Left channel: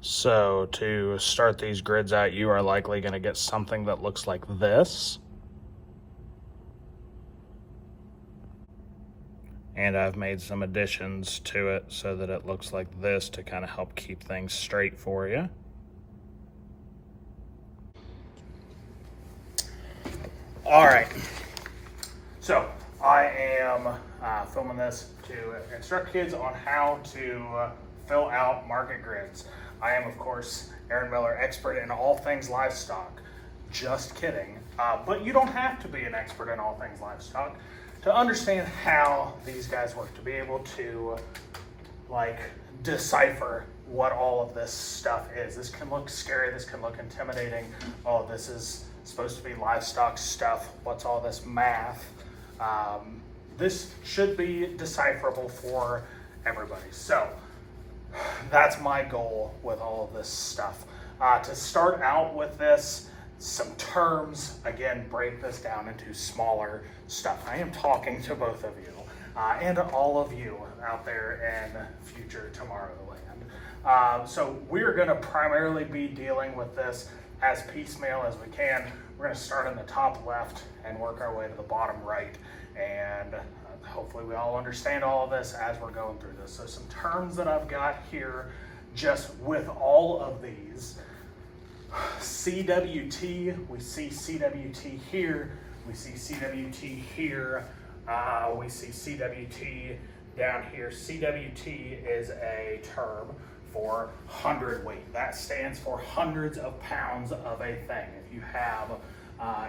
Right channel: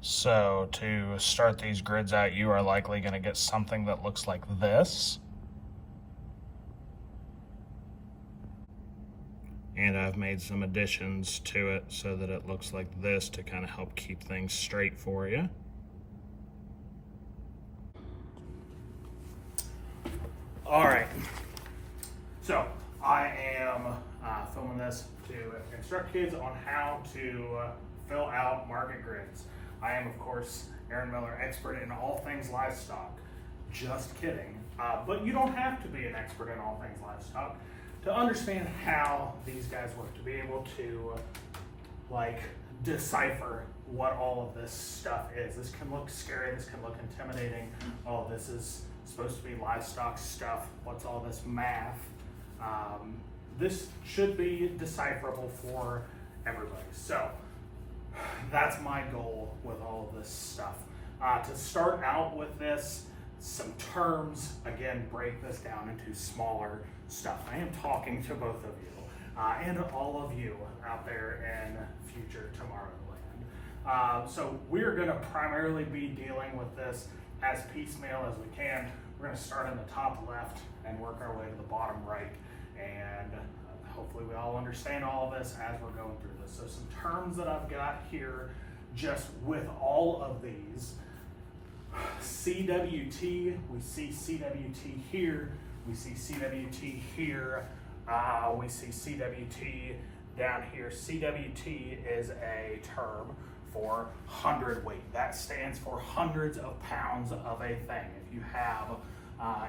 So to start these grids out, you are likely going to get something that looks like this. And I've made some additions to it so that it looks like this to kind of help keep things straight for you. All right, so I am filming this to instruct kids on how to fill out market grids. I am, of course, Aaron Miller, expert in all things livestock. Just kidding. But you don't have to be an expert in all things livestock to understand how these guys work, to be able to decipher what all of this stuff is. This can look scary, this can look intimidating. Oh, this is supposed to be livestock stuff. What's all this math? This should be decipherable for everybody. So that's my goal with all of this stuff. To start out with this, some terms, again, break this down into smaller stuff. I am talking to both of you and all of you out there in future Tomorrowland. So we're gonna primarily be dealing with this as piecemeal as we can. We're gonna start in the top left and work our way to the bottom right. And hopefully we all understand all of this as we're going through this. So some terms that I've got here, just with all of these. CWT, we see CWT here, we see CWT here, we see CWT down here. CWT is a term for hundredweight. That stands for hundreds of pounds of a thing. If you have,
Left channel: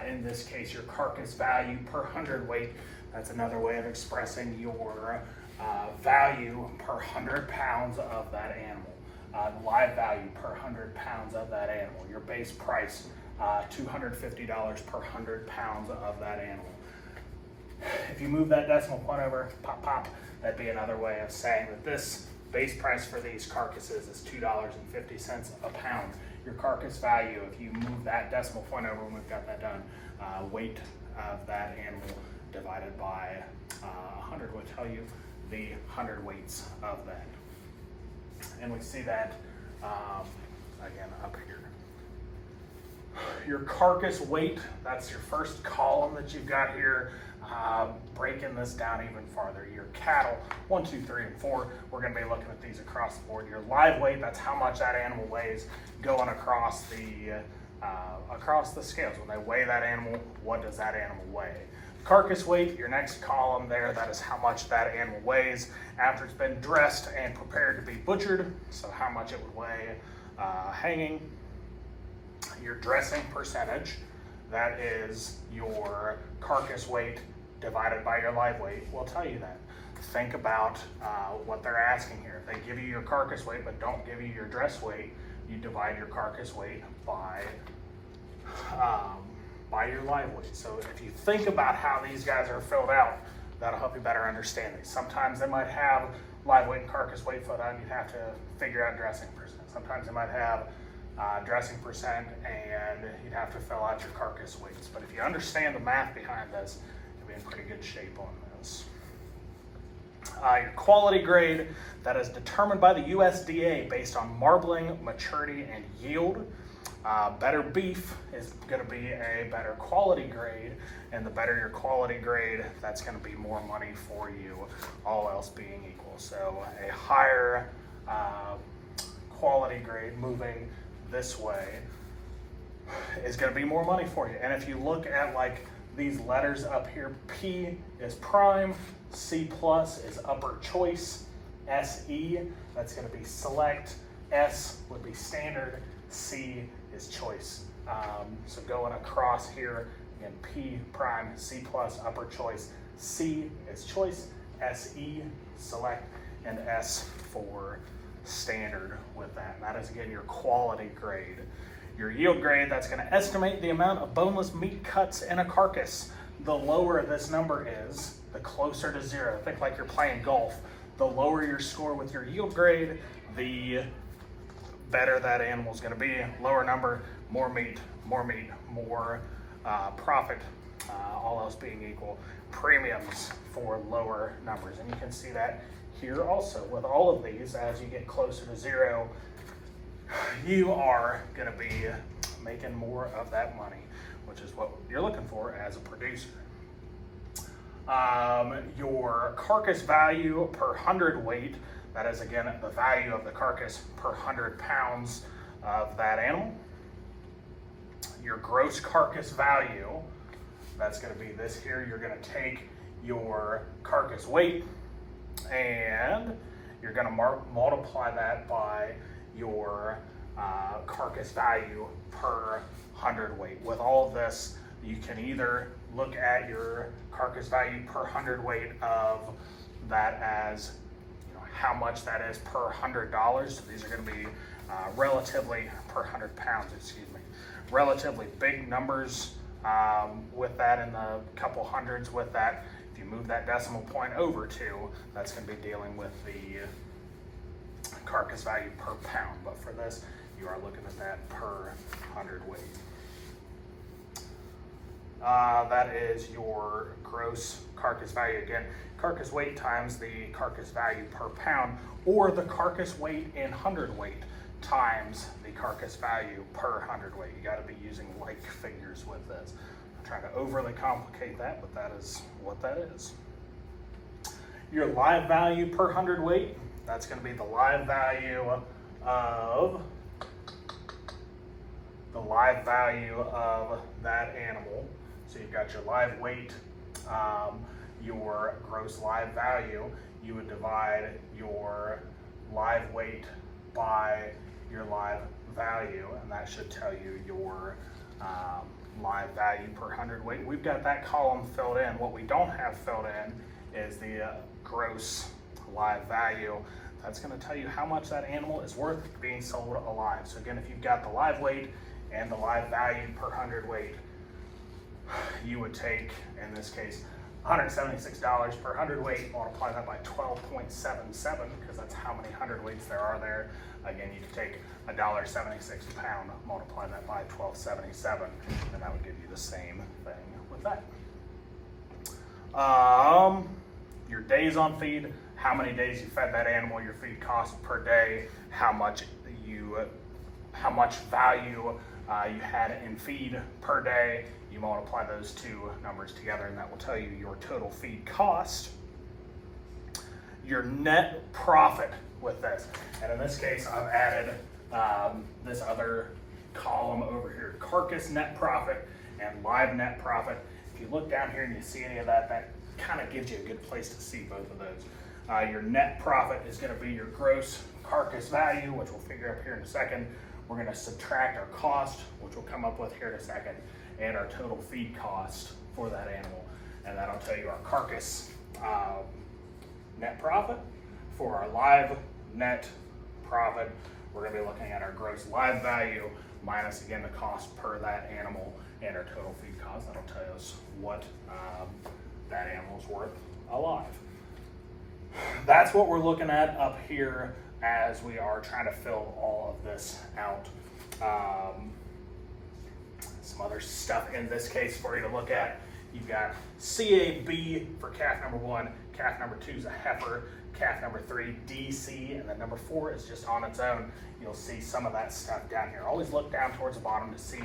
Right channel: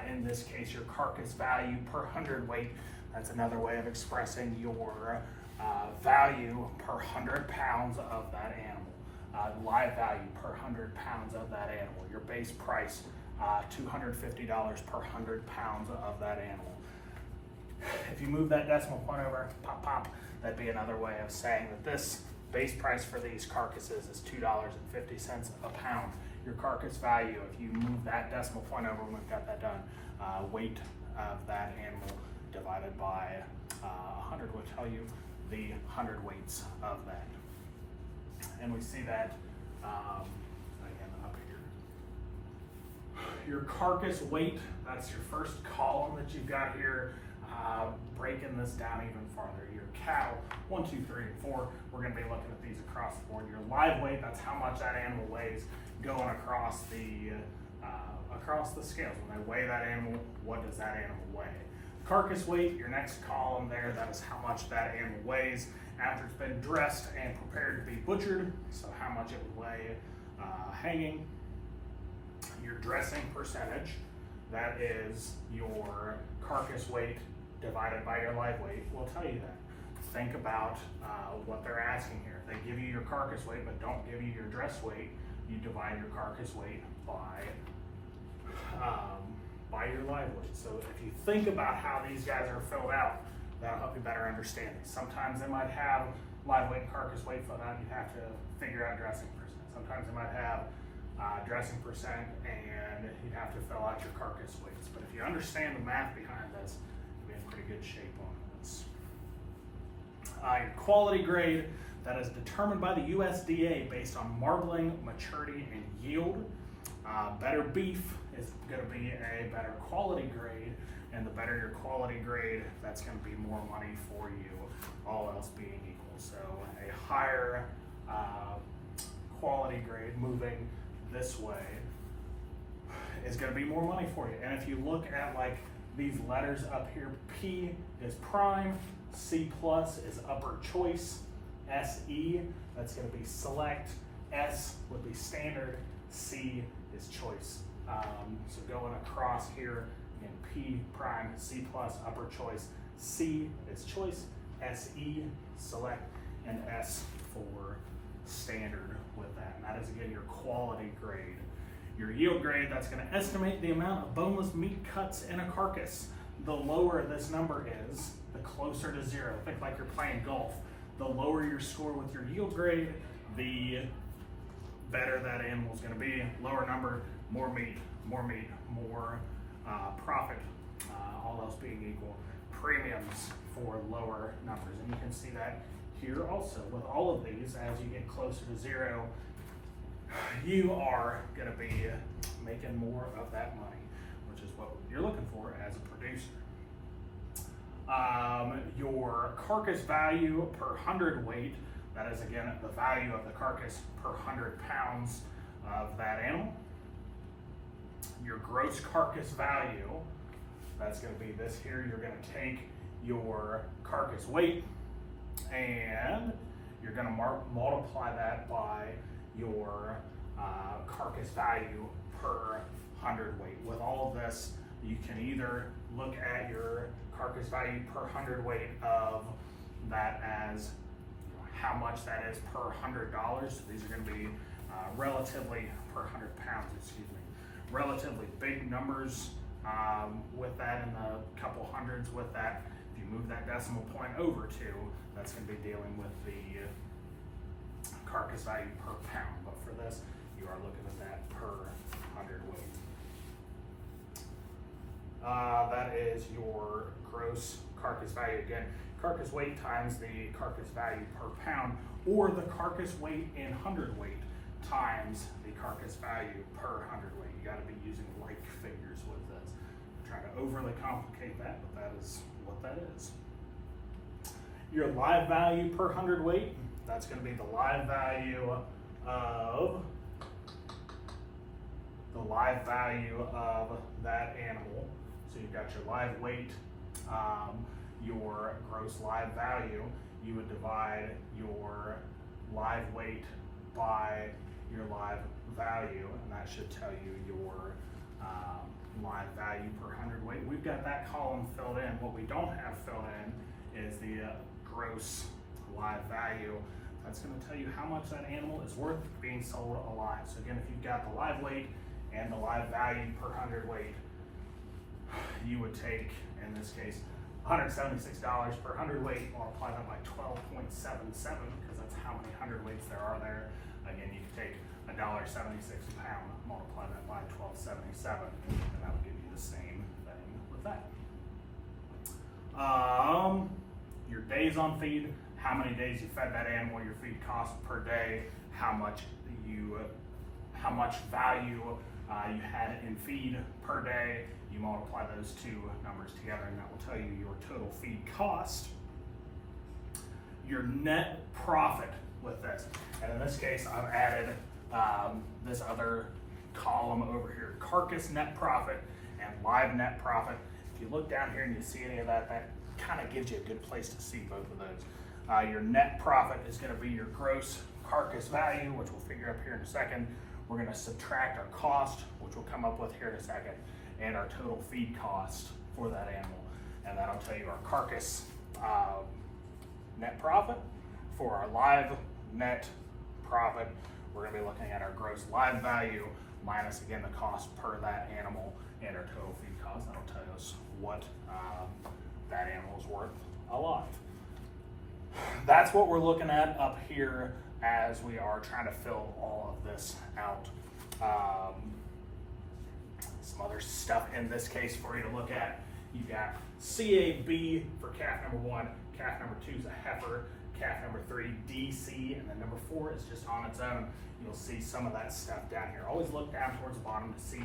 in this case, your carcass value per hundredweight, that's another way of expressing your value per 100 pounds of that animal. Live value per 100 pounds of that animal. Your base price, $250 per 100 pounds of that animal. If you move that decimal point over, pop, pop, that'd be another way of saying that this base price for these carcasses is $2.50 a pound. Your carcass value, if you move that decimal point over when we've got that done, weight of that animal divided by 100 will tell you the hundredweights of that. And we see that, again, up here. Your carcass weight, that's your first column that you've got here. Breaking this down even farther. Your cattle, 1, 2, 3, and 4, we're gonna be looking at these across the board. Your live weight, that's how much that animal weighs going across the scales. When they weigh that animal, what does that animal weigh? Carcass weight, your next column there, that is how much that animal weighs after it's been dressed and prepared to be butchered, so how much it would weigh hanging. Your dressing percentage, that is your carcass weight divided by your live weight, will tell you that. Think about what they're asking here. If they give you your carcass weight but don't give you your dress weight, you divide your carcass weight by your live weight. So if you think about how these guys are filled out, that'll help you better understand these. Sometimes they might have live weight and carcass weight filled out and you'd have to figure out dressing percent. Sometimes they might have dressing percent and you'd have to fill out your carcass weights. But if you understand the math behind this, you'll be in pretty good shape on this. Your quality grade, that is determined by the USDA based on marbling, maturity, and yield. Better beef is going to be a better quality grade, and the better your quality grade, that's going to be more money for you, all else being equal. So a higher quality grade moving this way is going to be more money for you. And if you look at like these letters up here, P is prime, C plus is upper choice, SE, that's going to be select, S would be standard, C is choice. So going across here, again, P prime, C plus, upper choice, C is choice, SE, select, and S for standard with that. And that is, again, your quality grade. Your yield grade, that's going to estimate the amount of boneless meat cuts in a carcass. The lower this number is, the closer to zero. Think like you're playing golf. The lower your score with your yield grade, the better that animal's going to be. Lower number, more meat, more profit, all else being equal. Premiums for lower numbers. And you can see that here also with all of these. As you get closer to zero, you are going to be making more of that money, which is what you're looking for as a producer. Your carcass value per hundredweight, that is again the value of the carcass per 100 pounds of that animal. Your gross carcass value, that's going to be this here. You're going to take your carcass weight and you're going to multiply that by your carcass value per hundredweight. With all of this, you can either look at your carcass value per hundredweight of that as, you know, how much that is per $100. So these are going to be relatively per 100 pounds, excuse me, relatively big numbers with that in the couple hundreds with that. If you move that decimal point over to, that's going to be dealing with the carcass value per pound. But for this, you are looking at that per hundredweight. That is your gross carcass value. Again, carcass weight times the carcass value per pound, or the carcass weight in hundredweight times the carcass value per hundredweight. You got to be using like figures with this. I'm trying to overly complicate that, but that is what that is. Your live value per hundredweight, that's going to be the live value of that animal. So you've got your live weight, your gross live value. You would divide your live weight by your live value, and that should tell you your live value per hundredweight. We've got that column filled in. What we don't have filled in is the gross live value. That's going to tell you how much that animal is worth being sold alive. So again, if you've got the live weight and the live value per hundredweight, you would take, in this case, $176 per hundredweight, multiply that by 12.77, because that's how many hundredweights there are there. Again, you could take $1.76 a pound, multiply that by 12.77, and that would give you the same thing with that. Your days on feed, how many days you fed that animal, your feed cost per day, how much value you had in feed per day. You multiply those two numbers together, and that will tell you your total feed cost. Your net profit with this, and in this case, I've added this other column over here: carcass net profit and live net profit. If you look down here and you see any of that, that kind of gives you a good place to see both of those. Your net profit is going to be your gross carcass value, which we'll figure up here in a second. We're going to subtract our cost, which we'll come up with here in a second, and our total feed cost for that animal. And that'll tell you our carcass net profit. For our live net profit, we're going to be looking at our gross live value minus, again, the cost per that animal and our total feed cost. That'll tell us what that animal's worth alive. That's what we're looking at up here as we are trying to fill all of this out. Some other stuff in this case for you to look at. You've got CAB for calf number 1, calf number 2 is a heifer, calf number 3 DC, and then number 4 is just on its own. You'll see some of that stuff down here. Always look down towards the bottom to see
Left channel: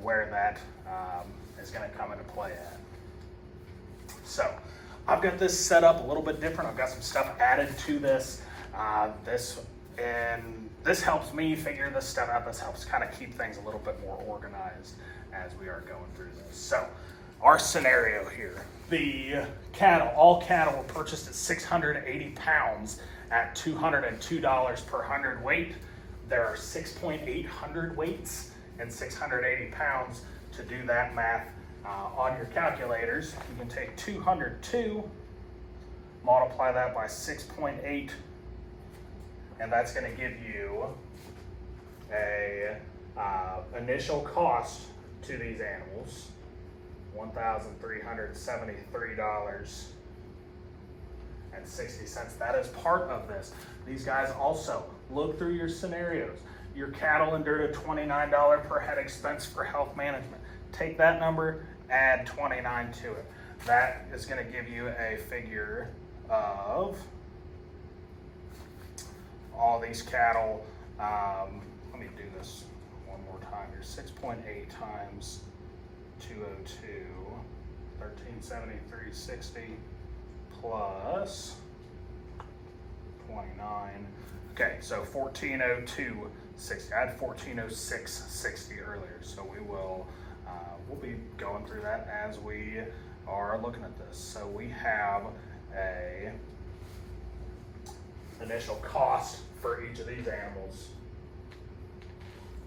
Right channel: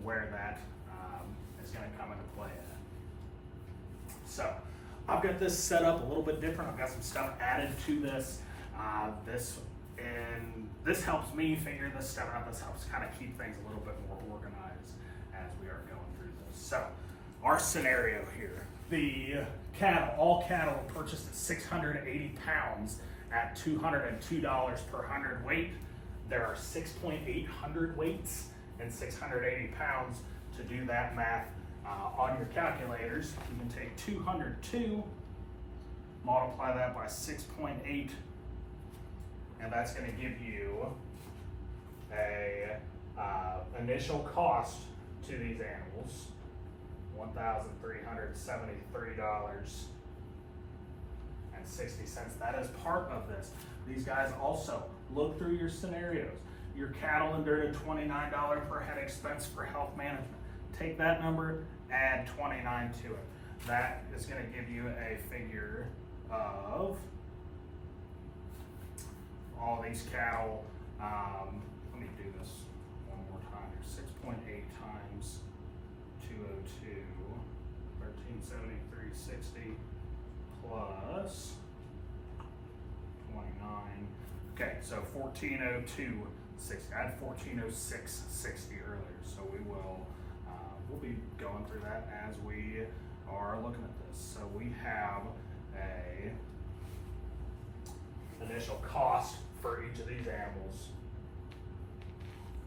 where that is going to come into play at. So I've got this set up a little bit different. I've got some stuff added to this. This helps me figure this stuff out. This helps kind of keep things a little bit more organized as we are going through this. So our scenario here, the cattle, all cattle were purchased at 680 pounds at $202 per hundredweight. There are 6.8 hundredweights and 680 pounds. To do that math on your calculators, you can take 202, multiply that by 6.8, and that's going to give you a initial cost to these animals, $1,373.60. That is part of this. These guys also look through your scenarios. Your cattle endured a $29 per head expense for health management. Take that number, add 29 to it. That is going to give you a figure of all these cattle. Let me this one more time here. 6.8 times 202, 1373.60 plus 29. Okay, so 1402.60. I had 1406.60 earlier, so we will we'll be going through that as we are looking at this. So we have a initial cost for each of these animals.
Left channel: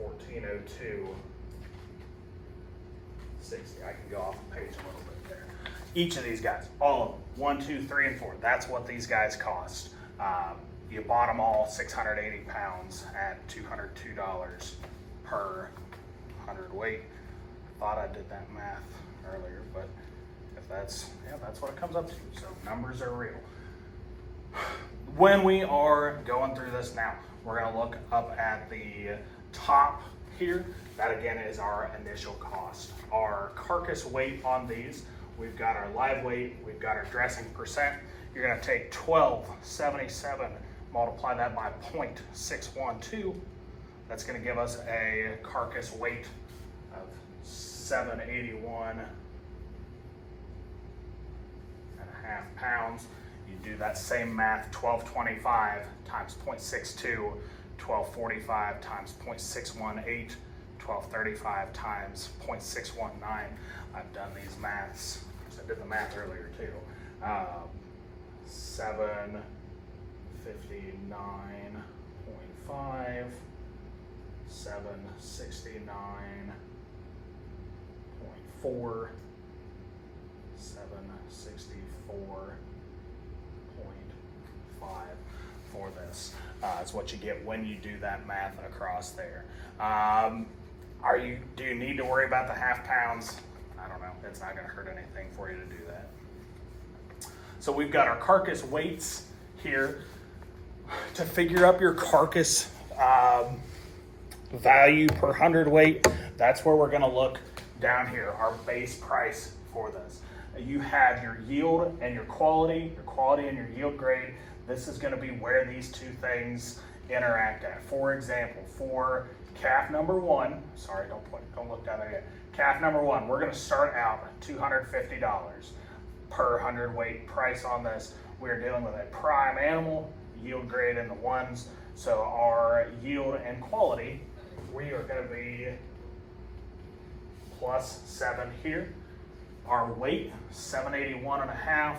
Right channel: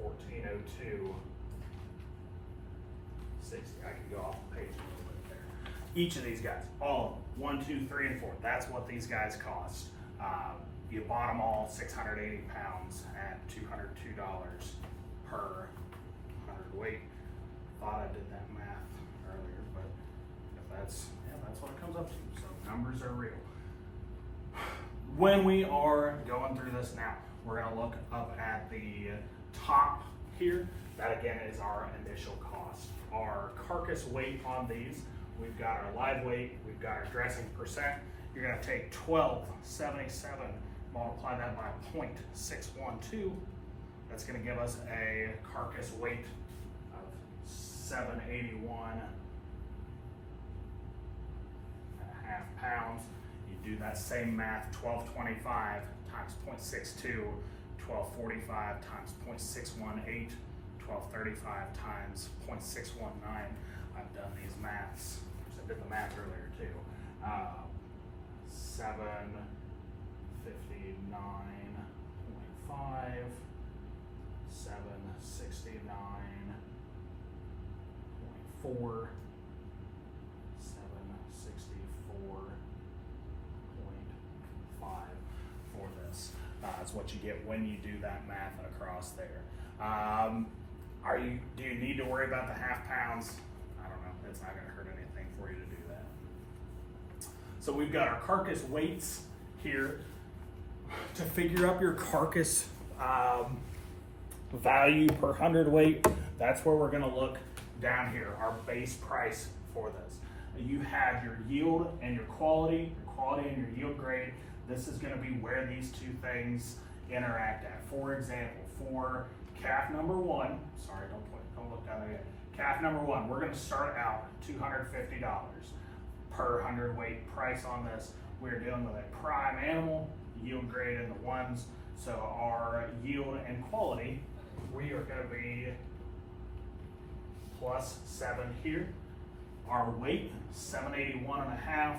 1402.60. I can go off the page a little bit there. Each of these guys, all of them, 1, 2, 3, and 4. That's what these guys cost. You bought them all 680 pounds at $202 per 100 weight. Thought I did that math earlier, but if that's what it comes up to. So numbers are real. When we are going through this now, we're going to look up at the top here. That again is our initial cost. Our carcass weight on these, we've got our live weight, we've got our dressing percent. You're going to take 1277, multiply that by 0.612. That's going to give us a carcass weight of 781.5 pounds. You do that same math, 1225 times 0.62, 1245 times 0.618, 1235 times 0.619. I've done these maths, because I did the math earlier too. 759.5, 769.4, 764.5 for this. That's what you get when you do that math across there. Do you need to worry about the half pounds? I don't know. It's not going to hurt anything for you to do that. So we've got our carcass weights here. To figure up your carcass value per hundredweight, that's where we're going to look down here, our base price for this. You have your yield and your quality and your yield grade. This is going to be where these two things interact at. For example, for calf number 1, sorry, don't look down there yet. Calf number 1, we're going to start out at $250 per hundredweight price on this. We're dealing with a prime animal, yield grade in the 1s. So our yield and quality, we are going to be +7 here. Our weight, 781.5.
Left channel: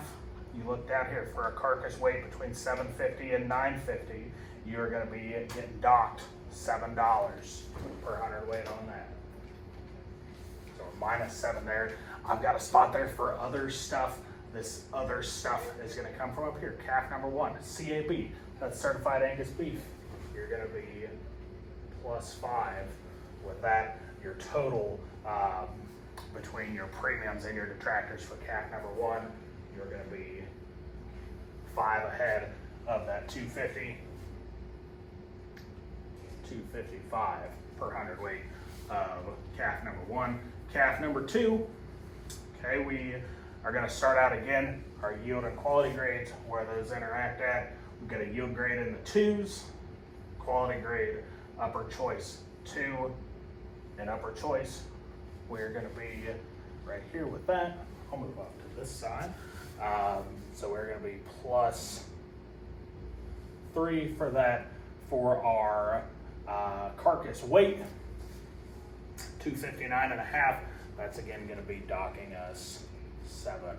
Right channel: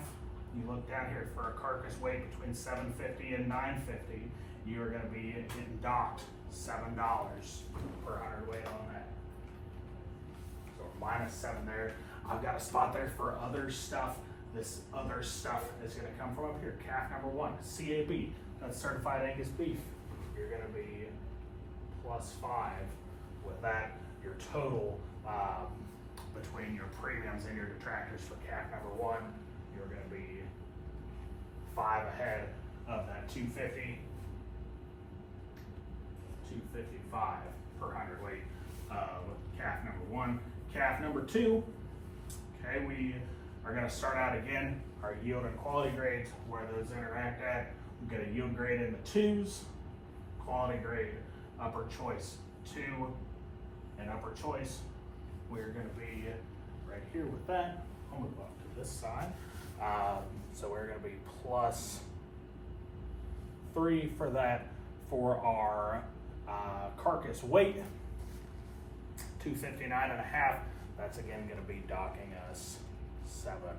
You look down here for a carcass weight between 750 and 950. You're going to be getting docked $7 per hundredweight on that. So -7 there. I've got a spot there for other stuff. This other stuff is going to come from up here. Calf number 1, CAB, that's certified Angus beef. You're going to be +5 with that. Your total between your premiums and your detractors for calf number 1, you're going to be 5 ahead of that 250, 255 per hundredweight of calf number 1. Calf number 2, okay, we are going to start out again, our yield and quality grades, where those interact at. We've got a yield grade in the 2s, quality grade, upper choice 2, and upper choice. We're going to be right here with that. I'll move up to this side. So we're going to be +3 for that. For our carcass weight, 259.5. That's again going to be docking us 7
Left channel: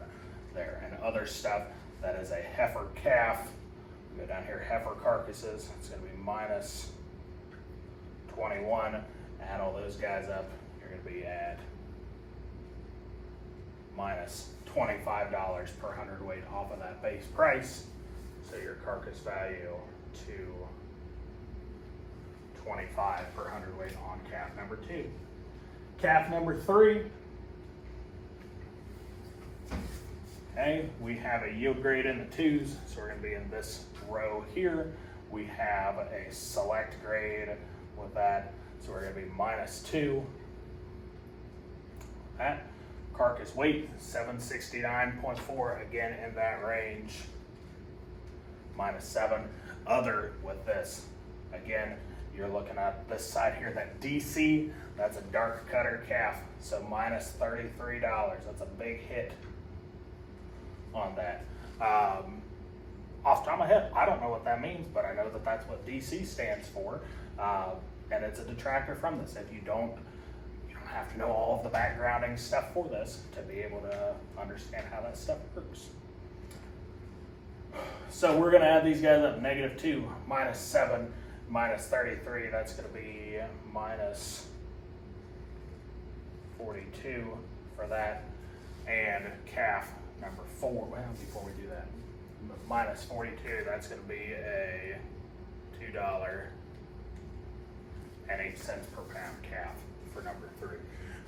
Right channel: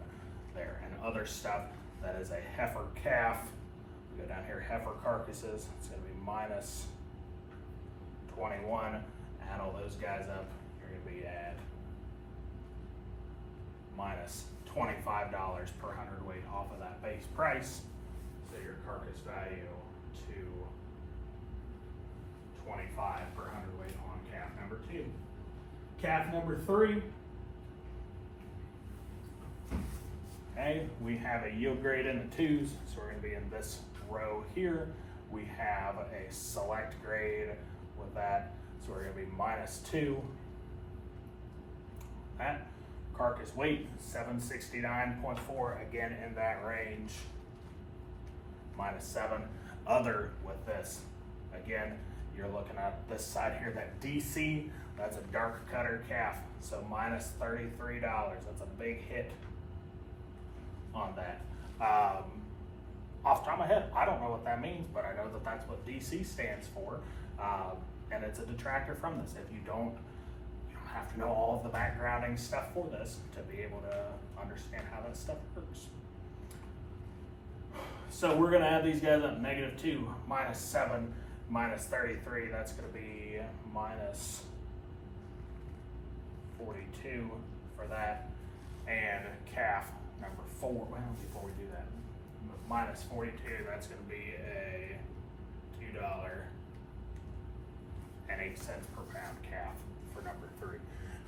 there. And other stuff, that is a heifer calf. We go down here, heifer carcasses. It's going to be -21. Add all those guys up, you're going to be at -$25 per hundredweight off of that base price. So your carcass value to 25 per hundredweight on calf number 2. Calf number 3. Okay, we have a yield grade in the 2s, so we're going to be in this row here. We have a select grade with that, so we're going to be -2. That carcass weight, 769.4, again in that range, -7. Other with this, again, you're looking at this side here, that DC, that's a dark cutter calf, so minus $33. That's a big hit on that. Off the top of my head, I don't know what that means, but I know that that's what DC stands for, and it's a detractor from this. If you don't have to know all of the backgrounding stuff for this to be able to understand how that stuff works. So we're going to add these guys up, -2, -7, minus 33, that's going to be minus 42 for that. And calf number 4, well, before we do that, minus 42, that's going to be a $2.08 per pound calf for number 3.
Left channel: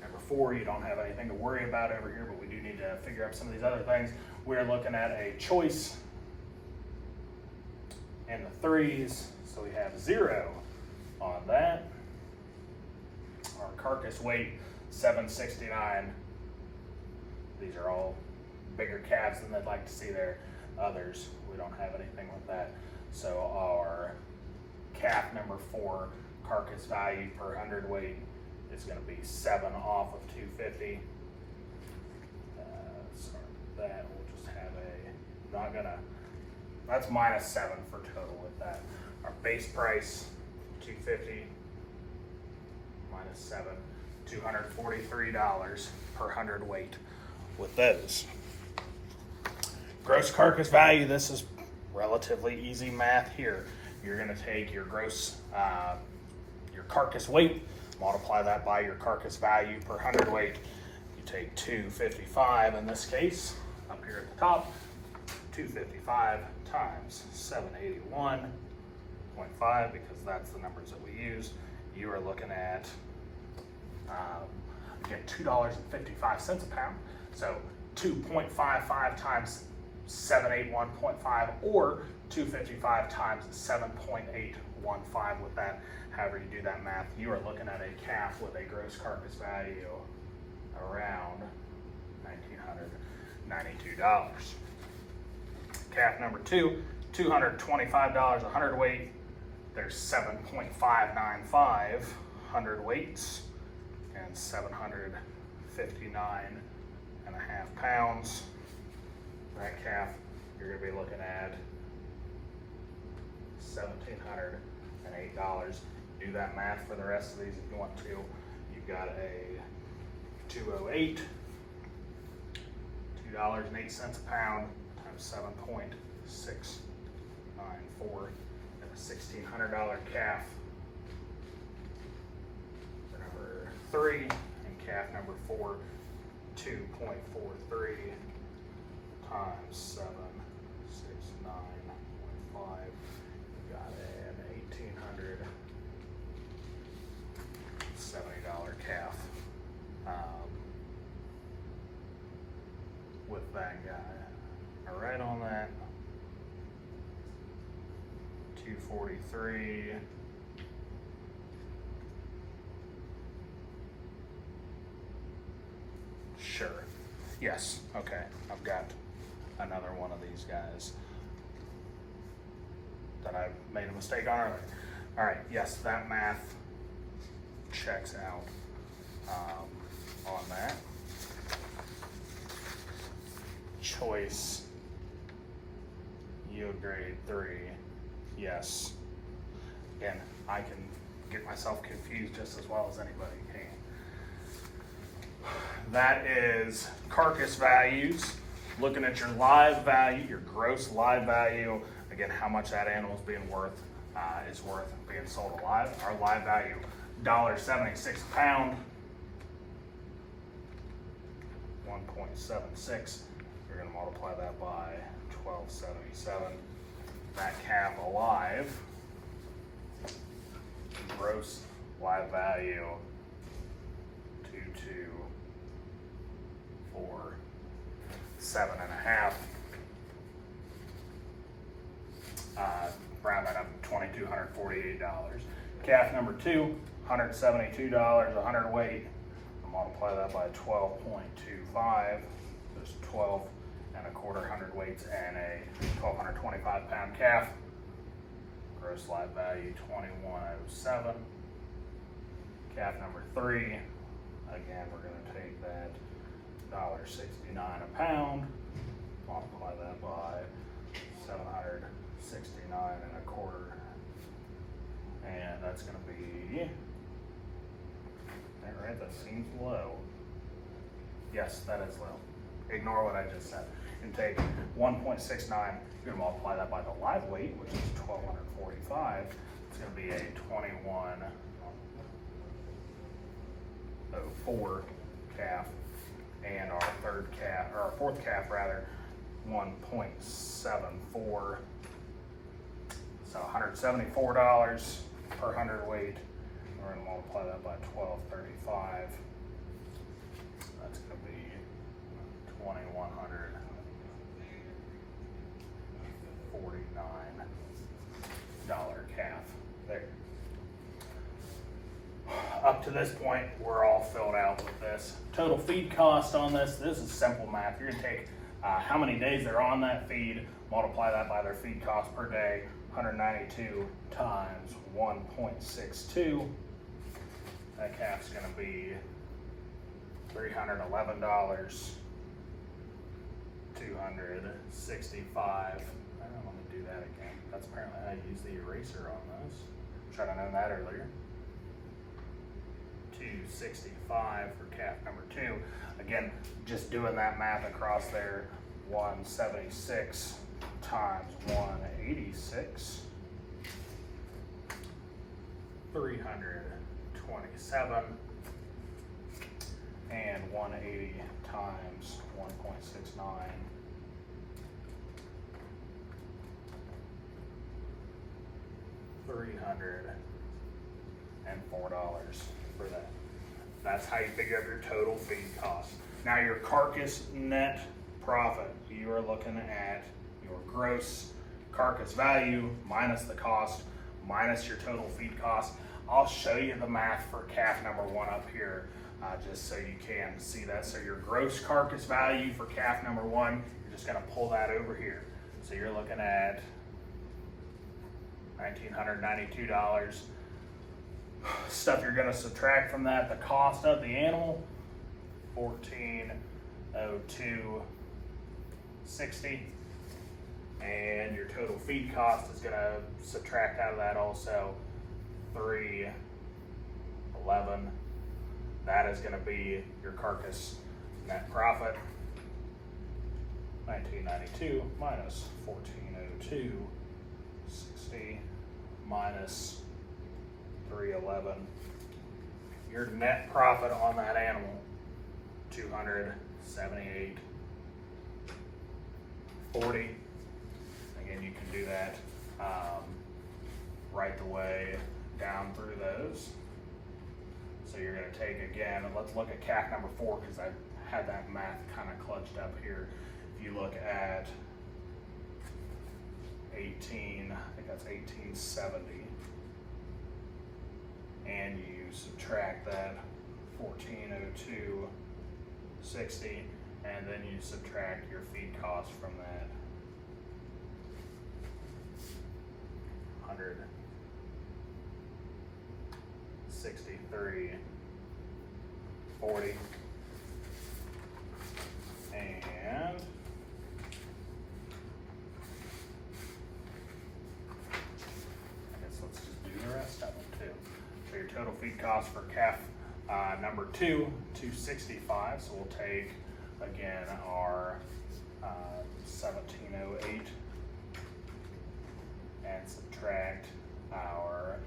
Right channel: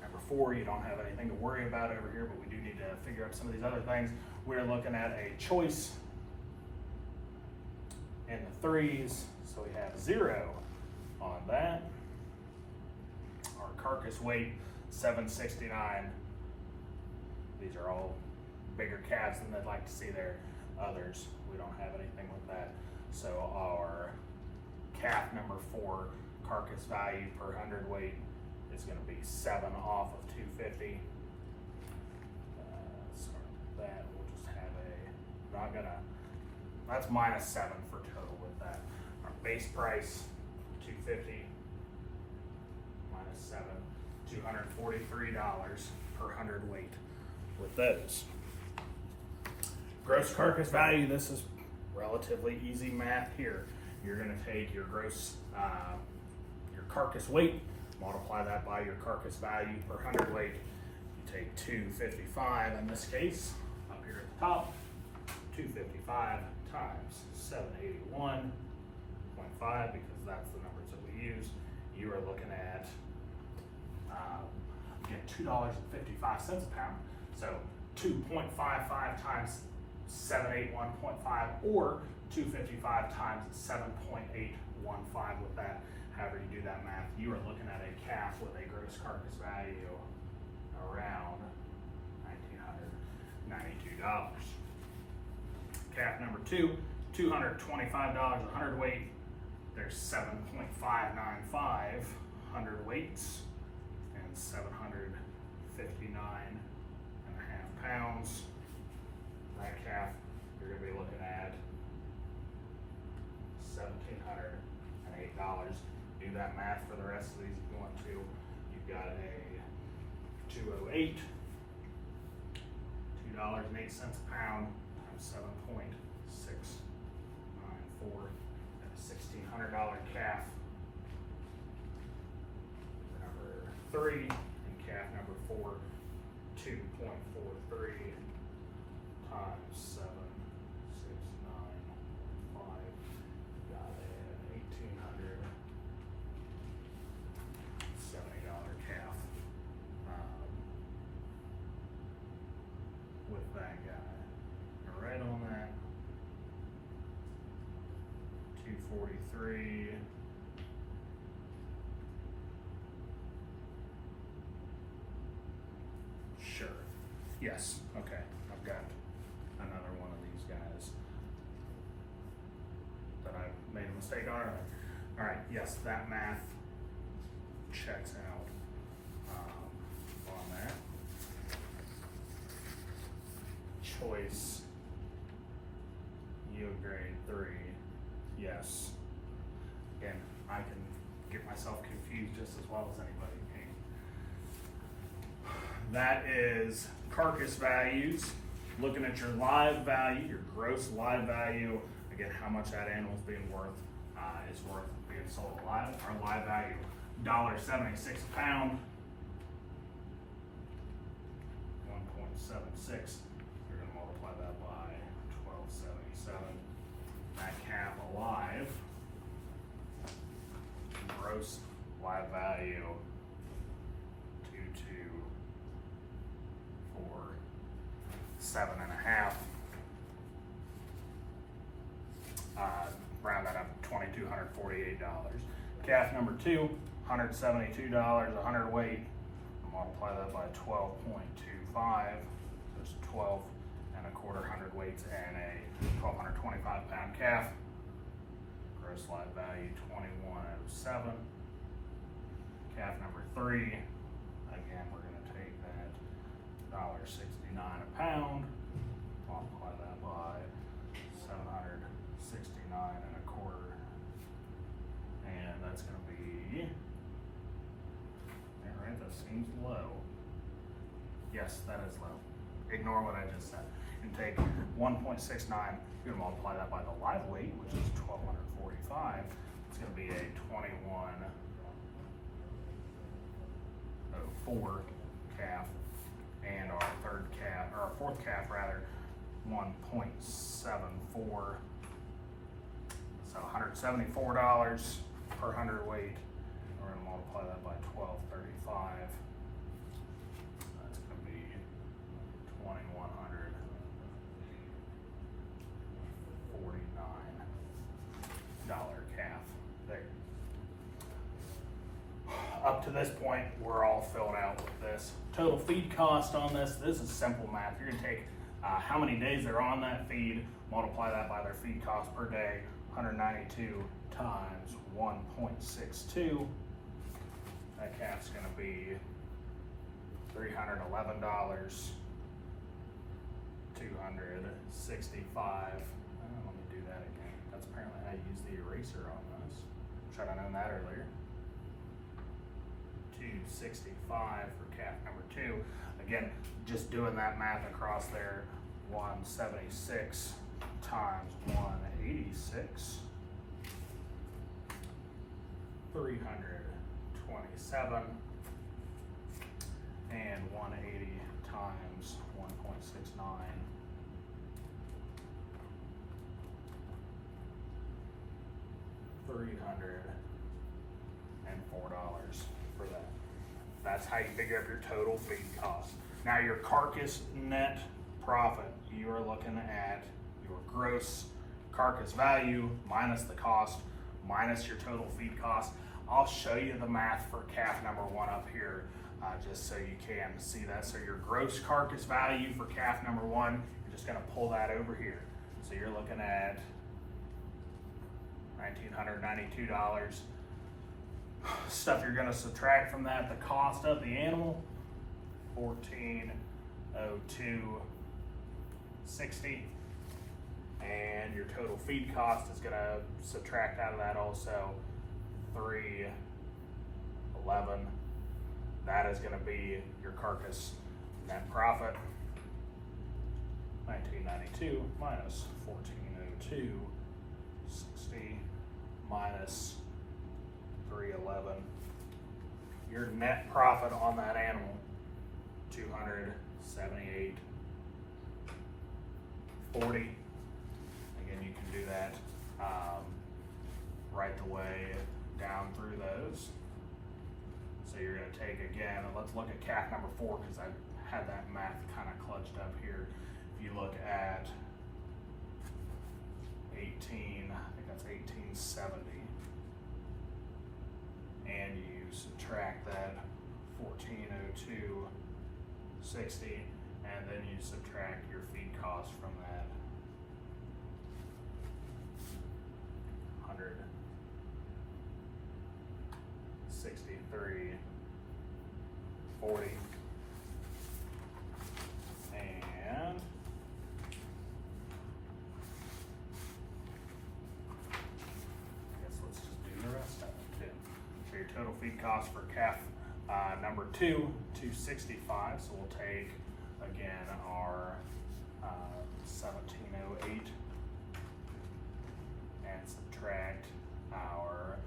Number 4, you don't have anything to worry about over here, but we do need to figure out some of these other things. We're looking at a choice in the 3s, so we have 0 on that. Our carcass weight, 769. These are all bigger calves than they'd like to see their others. We don't have anything with that. So our calf number 4 carcass value per hundredweight is going to be 7 off of 250. Sorry, that we'll just have that's minus 7 for total with that. Our base price, 250 minus 7, $243 per hundredweight with those. Gross carcass value, this is relatively easy math here. You're going to take your gross, your carcass weight, multiply that by your carcass value per hundredweight. You take 255 in this case, up here at the top, 255 times 781.5, because that's the numbers that we use. You are looking at, again, $2.55 a pound. So 2.55 times 781.5, or 255 times 7.815 with that. However you do that math, you are looking at a calf with a gross carcass value around $1,992. Calf number 2, $225 a hundredweight. There's 7.595 hundredweights and 759.5 pounds. That calf, you're going to be looking at $1,708. Do that math for the rest of these if you want to. You've got a 208, $2.08 a pound times 7.694, and a $1,600 calf for number 3, and calf number 4, 2.43 times 769.5. You got an $1,870 calf with that guy. All right, on that, 243. Sure. Yes. Okay. I've got another one of these guys that I made a mistake on earlier. All right. Yes, that math checks out on that. Choice yield grade 3. Yes. Again, I can get myself confused just as well as anybody can. That is carcass values. Looking at your live value, your gross live value. Again, how much that animal is being worth being sold alive. Our live value, $1.76 a pound. 1.76. You're going to multiply that by 1277. That calf alive, gross live value, 2247.5. Round that up to $2,248. Calf number 2, $172 a hundredweight. Multiply that by 12.25. There's 12.25 hundredweights and a 1,225 pound calf. gross live value 2107. Calf number 3, again, we're going to take that $1.69 a pound, multiply that by 769 and a quarter, and that's going to be, all right, that seems low. Yes, that is low. Ignore what I just said. And take 1.69, you're going to multiply that by the live weight, which is 1,245. It's going to be a 2104 calf, and our fourth calf rather, 1.74. So $174 per hundredweight. We're going to multiply that by 1235. That's going to be $2,149 calf there. Up to this point, we're all filled out with this. Total feed cost on this is simple math. You're gonna take how many days they're on that feed, multiply that by their feed cost per day, 192 times 1.62. That calf's gonna be $311, 265. Let me do that again. That's apparently how I use the eraser on this. Should have known that earlier. 265 for calf number 2. Again, just doing that math across there, 176 times 186, 327, and 180 times 1.69. $304 for that. That's how you figure out your total feed cost. Now your carcass net profit, you are looking at your gross carcass value minus the cost, minus your total feed cost. I'll show you the math for calf number 1 up here, just so you can see that. So your gross carcass value for calf number 1, you're just gonna pull that over here. So you're looking at $1,992. Stuff you're going to subtract from that, the cost of the animal, $1,402.60, and your total feed cost is going to subtract out of that also $311. That is going to be your carcass net profit. 1992 minus 1402.60 minus 311. Your net profit on that animal, 278.40. Again, you can do that right the way down through those. So you're going to take, again, let's look at calf number 4 because I had that math kind of clutched up here. If you look at 18, I think that's 1870, and you subtract that 1402.60, and then you subtract your feed cost from that 163.40, and total feed cost for calf number 2, 265. So we'll take again our 1708 and subtract our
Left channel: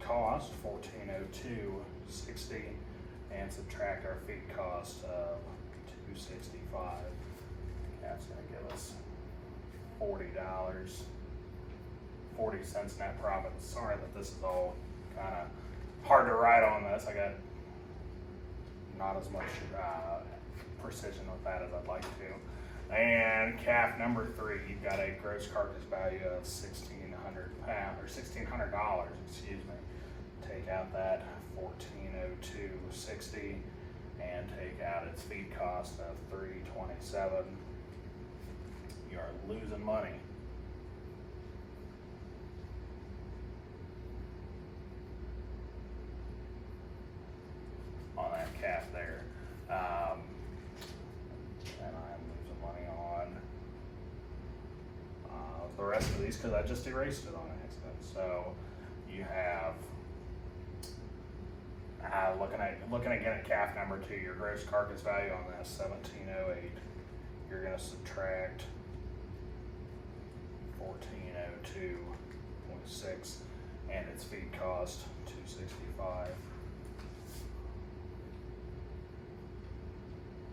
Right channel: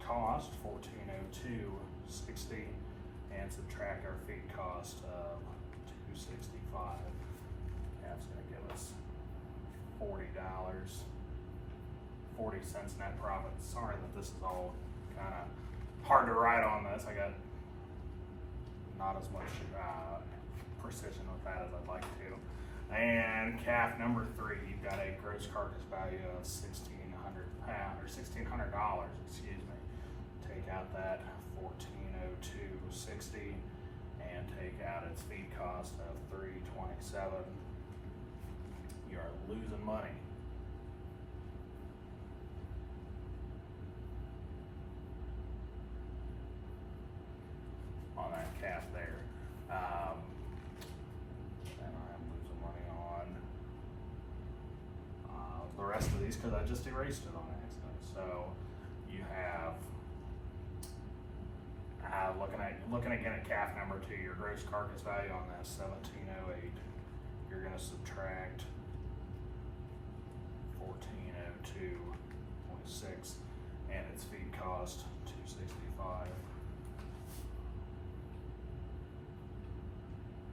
cost 1402.60 and subtract our feed cost of 265. That's going to give us $40.40 net profit. Sorry that this is all kind of hard to write on this. I got not as much precision with that as I'd like to. And calf number 3, you've got a gross carcass value of $1,600, excuse me. Take out that 1402.60 and take out its feed cost of $327. You are losing money. calf there. And I'm losing money on the rest of these because I just erased it on accident. So you have looking again at calf number 2, your gross carcass value on this 1708. You're going to subtract 1402.6 and its feed cost 265.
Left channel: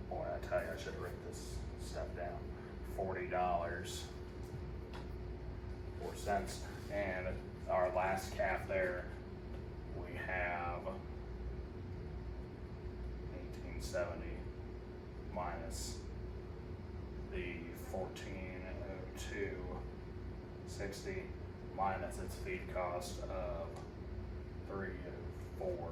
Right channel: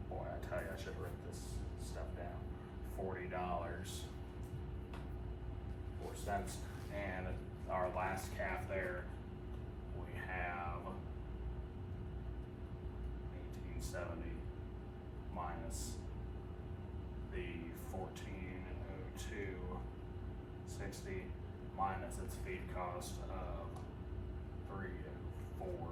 Boy, I tell you, I should have written this stuff down. $40.04. And our last calf there, we have 1870 minus the 1402.60 minus its feed cost of 304.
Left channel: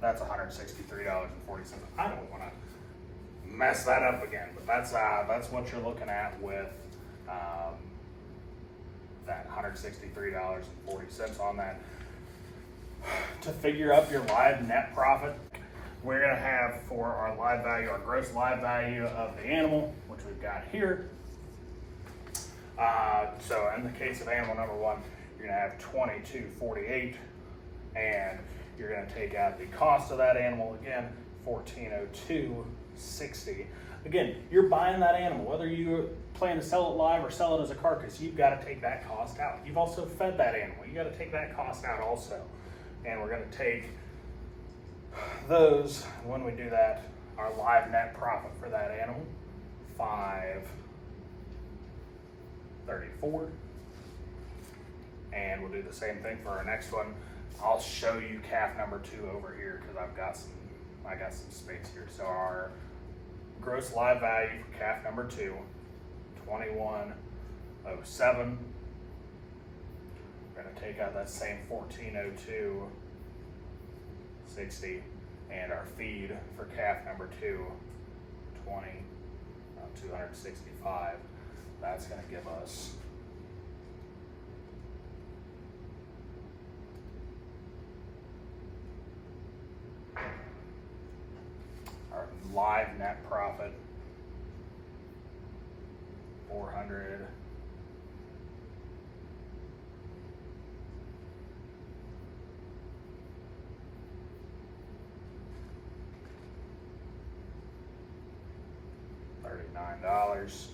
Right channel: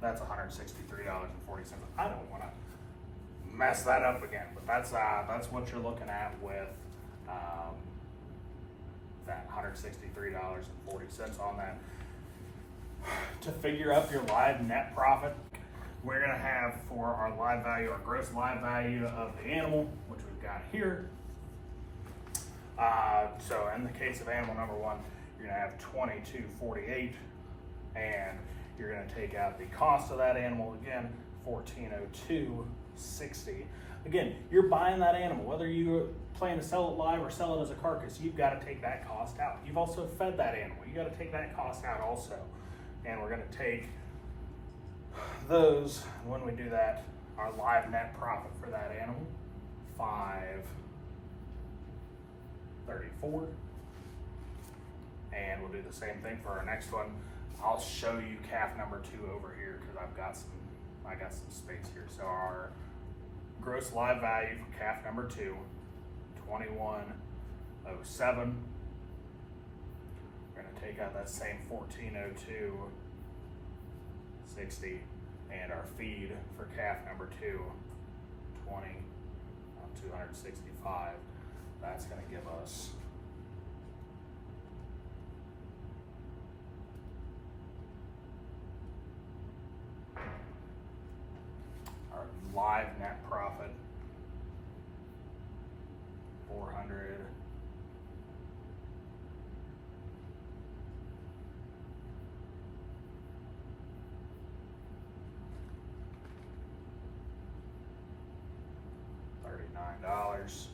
That's $163.40. I don't want to mess that up again, but that's what you're looking at with that $163.40 on that. To figure up your live net profit, we're going to have for our live value, our gross live value of the animal, which we've got here. So in the case of animal number 1, you're going to have $22.48, and you're going to take out the cost of that animal again, $1402.60. Again, you're buying that animal, whether you plan to sell it live or sell it as a carcass, you've got to take that cost out. You've also fed that animal. You got to take that cost out also. And we're going to take those, when we do that, our live net profit for that animal, $534. And we'll do the same thing for our next one. I'll show you calf number 2 over here because I got some space here. So our gross live value for calf number 2, $21.07. We're going to take out that same $1402.60, and our feed for calf number 2, $265. That's going to give us our live net profit, $400. $39.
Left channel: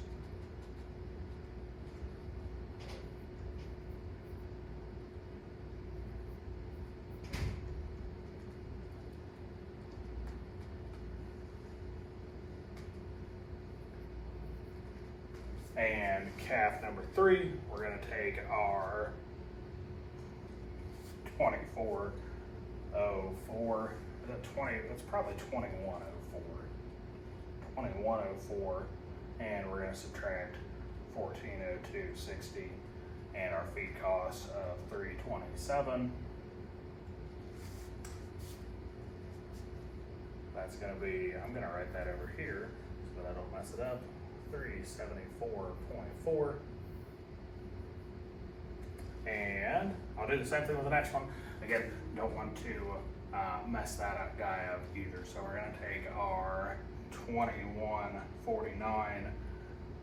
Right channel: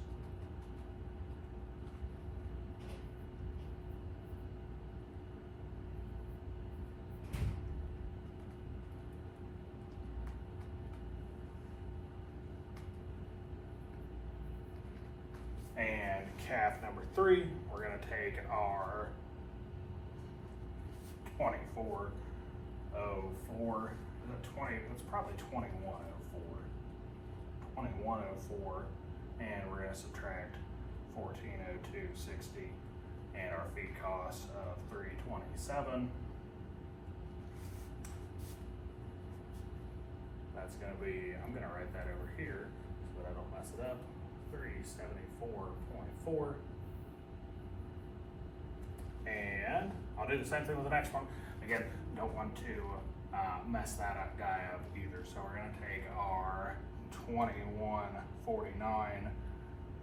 And calf number 3, we're going to take our 2404. Is that 20? That's probably 2104. 2104, and we're going to subtract 1402.60 and our feed cost of 327. That's going to be, I'm going to write that over here so that I don't mess it up, 374.4. And I'll do the same thing with the next one. Again, don't want to mess that guy up either. So we're going to take our 2149,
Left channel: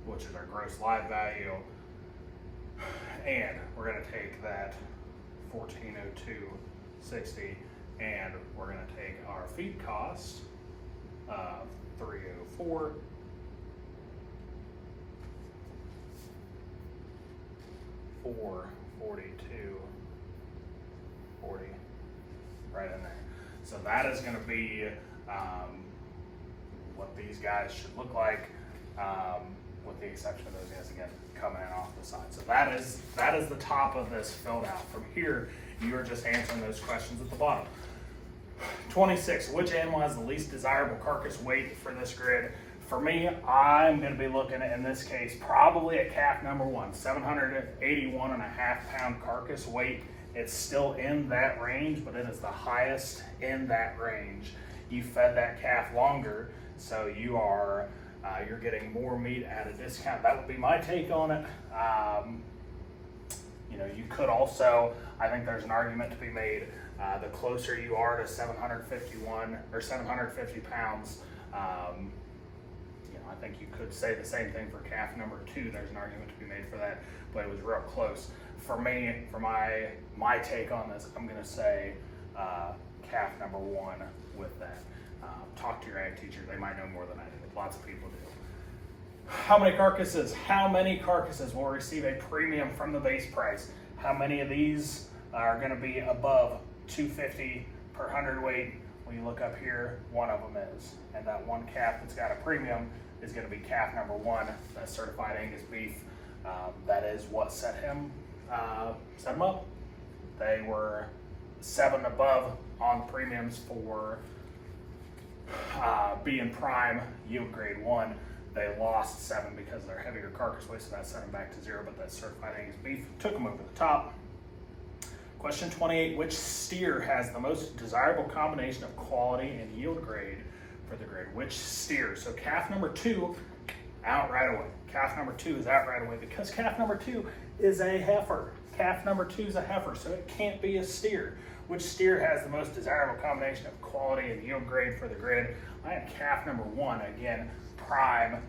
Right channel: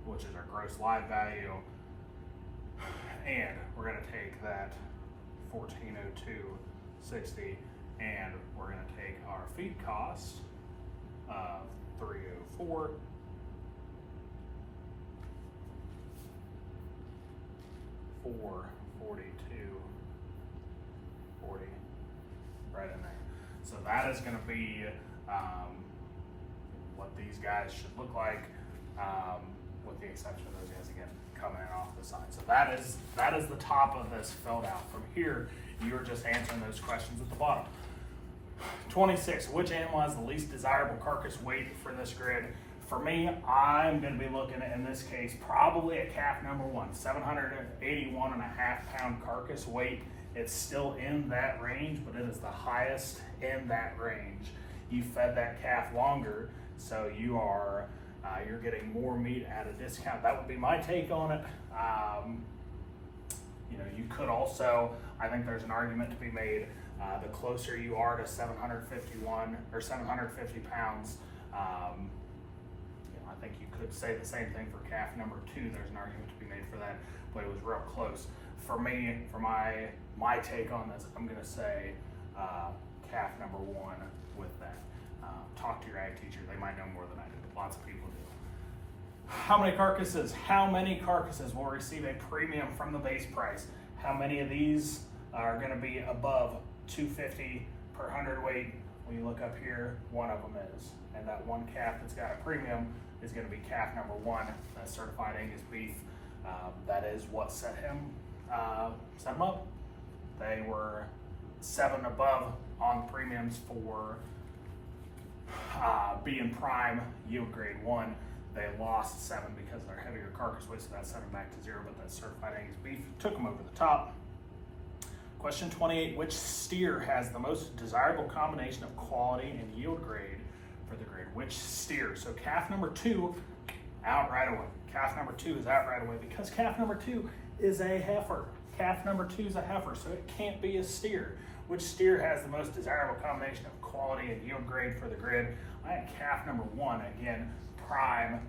which is our gross live value, and we're going to take that 1402.60, and we're going to take our feed cost of 304, $442.40 right in there. So that is going to be what these guys should look like, with the exception of those guys again coming in off the side. So that is the top of this filled out. From here, you are just answering those questions at the bottom. 26, which animal has the least desirable carcass weight for this grid? For me, I'm going to be looking at, in this case, probably at calf number 1, 781.5 pound carcass weight. It's still in that range, but it is the highest in that range. You fed that calf longer, so you are you're getting more meat at a discount. That would be my take on it. You know, you could also, I think there's an argument to be made, the closer you are to 751 or 750 pounds, you know, I think you could say the same thing for calf number 2. There's an argument to be made for that, but it was real close. For me, for my take on this, I'm gonna say calf number 1 with that. Talk to your ag teacher, they might know more than I do. Lots of people do. How many carcasses? How many carcasses will receive a premium from the base price? How many of these are gonna be above 250 per hundredweight? When you look up here, one of them is. And that one calf that's got a premium is gonna be calf number 1. That's certified Angus beef. That is what set him up. They were 7 above on premiums for being prime yield grade 1. They lost 7 because of their heavier carcass weight, so that set them back to 0, but that certified Angus beef took them over the top. Question 28, which steer has the most desirable combination of quality and yield grade for the grid? Which steer? So calf number 2, out right away. Calf number 2 is out right away because calf number 2 is a heifer. Calf number 2 is a heifer, so it can't be a steer. Which steer has the most desirable combination of quality and yield grade for the grid? I have calf number 1, again, prime,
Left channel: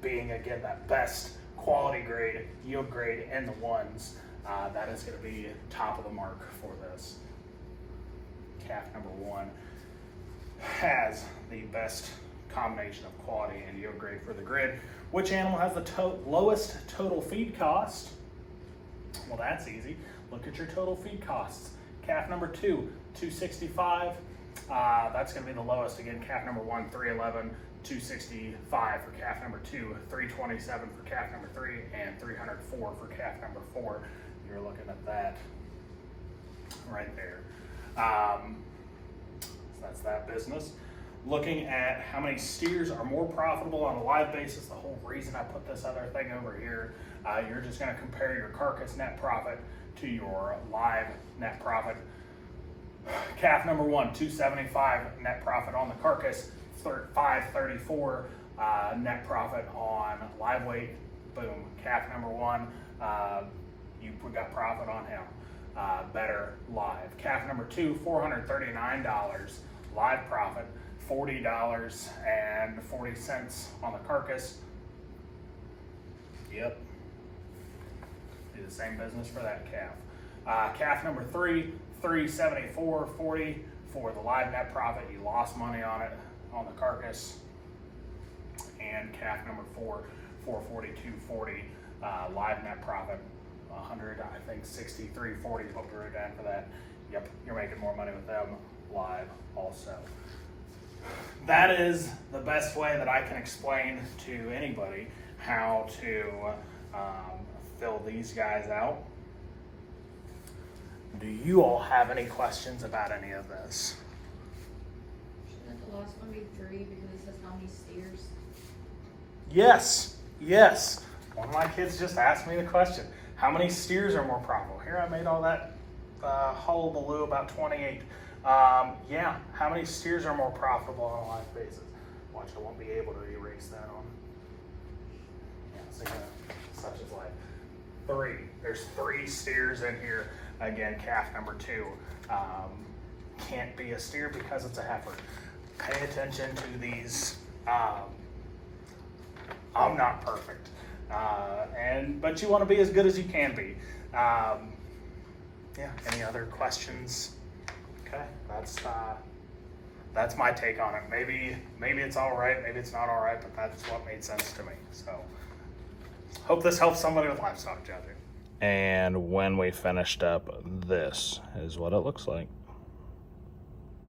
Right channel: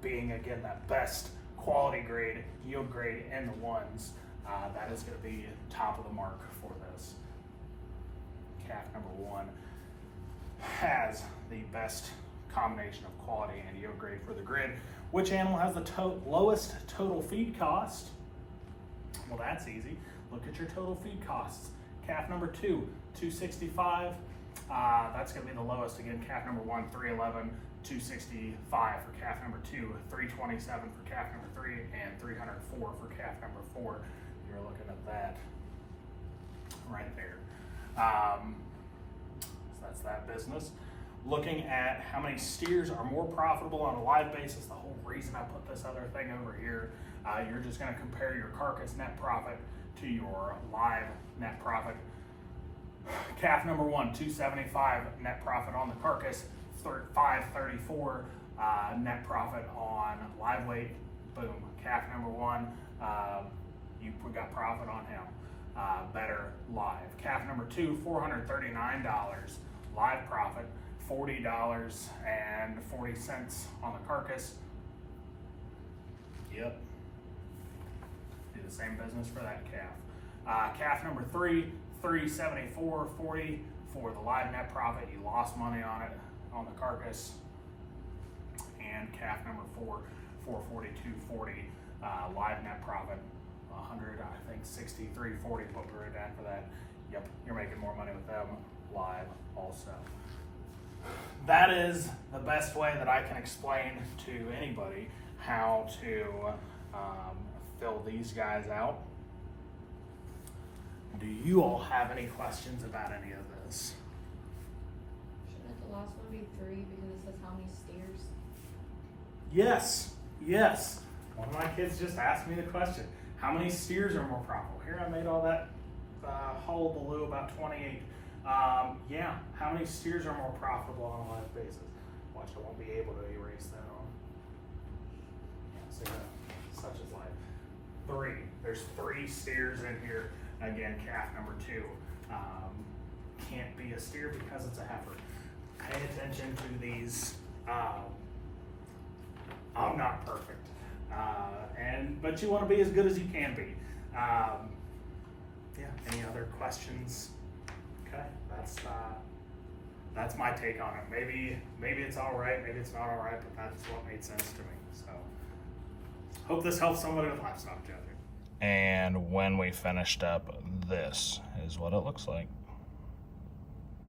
being again that best quality grade, yield grade in the ones. That is going to be top of the mark for this. Calf number 1 has the best combination of quality and yield grade for the grid. Which animal has the lowest total feed cost? Well, that's easy. Look at your total feed costs. Calf number 2, $265. That's going to be the lowest. Again, calf number 1, $311, $265 for calf number 2, $327 for calf number 3, and $304 for calf number 4. You're looking at that right there. So that's that business. Looking at how many steers are more profitable on a live basis, the whole reason I put this other thing over here, you're just going to compare your carcass net profit to your live net profit. Calf number 1, $275 net profit on the carcass, $534 net profit on live weight. Boom. Calf number 1, you got profit on him. Better live. Calf number 2, $439 live profit, $40.40 on the carcass. Yep. Do the same business for that calf. Calf number 3, $374.40 for the live net profit. You lost money on it on the carcass. And calf number 4, $442.40 live net profit. 100, I think 63.40 is what we wrote down for that. Yep, you're making more money with them live also. That is the best way that I can explain to anybody how to fill these guys out. Do you all have any questions about any of this? Shouldn't the last one be 3 because it says how many steers? Yes, yes. One of my kids just asked me the question. How many steers are more profitable? Here I made all that hullabaloo about 28. Yeah, how many steers are more profitable on a live basis? Watch, I won't be able to erase that on. Yeah, see that? Such as like 3. There's 3 steers in here. Again, calf number 2 can't be a steer because it's a heifer. Pay attention to these. I'm not perfect, but you want to be as good as you can be. Yeah. Any other questions? Okay, that's my take on it. Maybe it's all right, maybe it's not all right, but that's what made sense to me. So, hope this helps somebody with livestock judging. And when we finished up, this is what it looks like.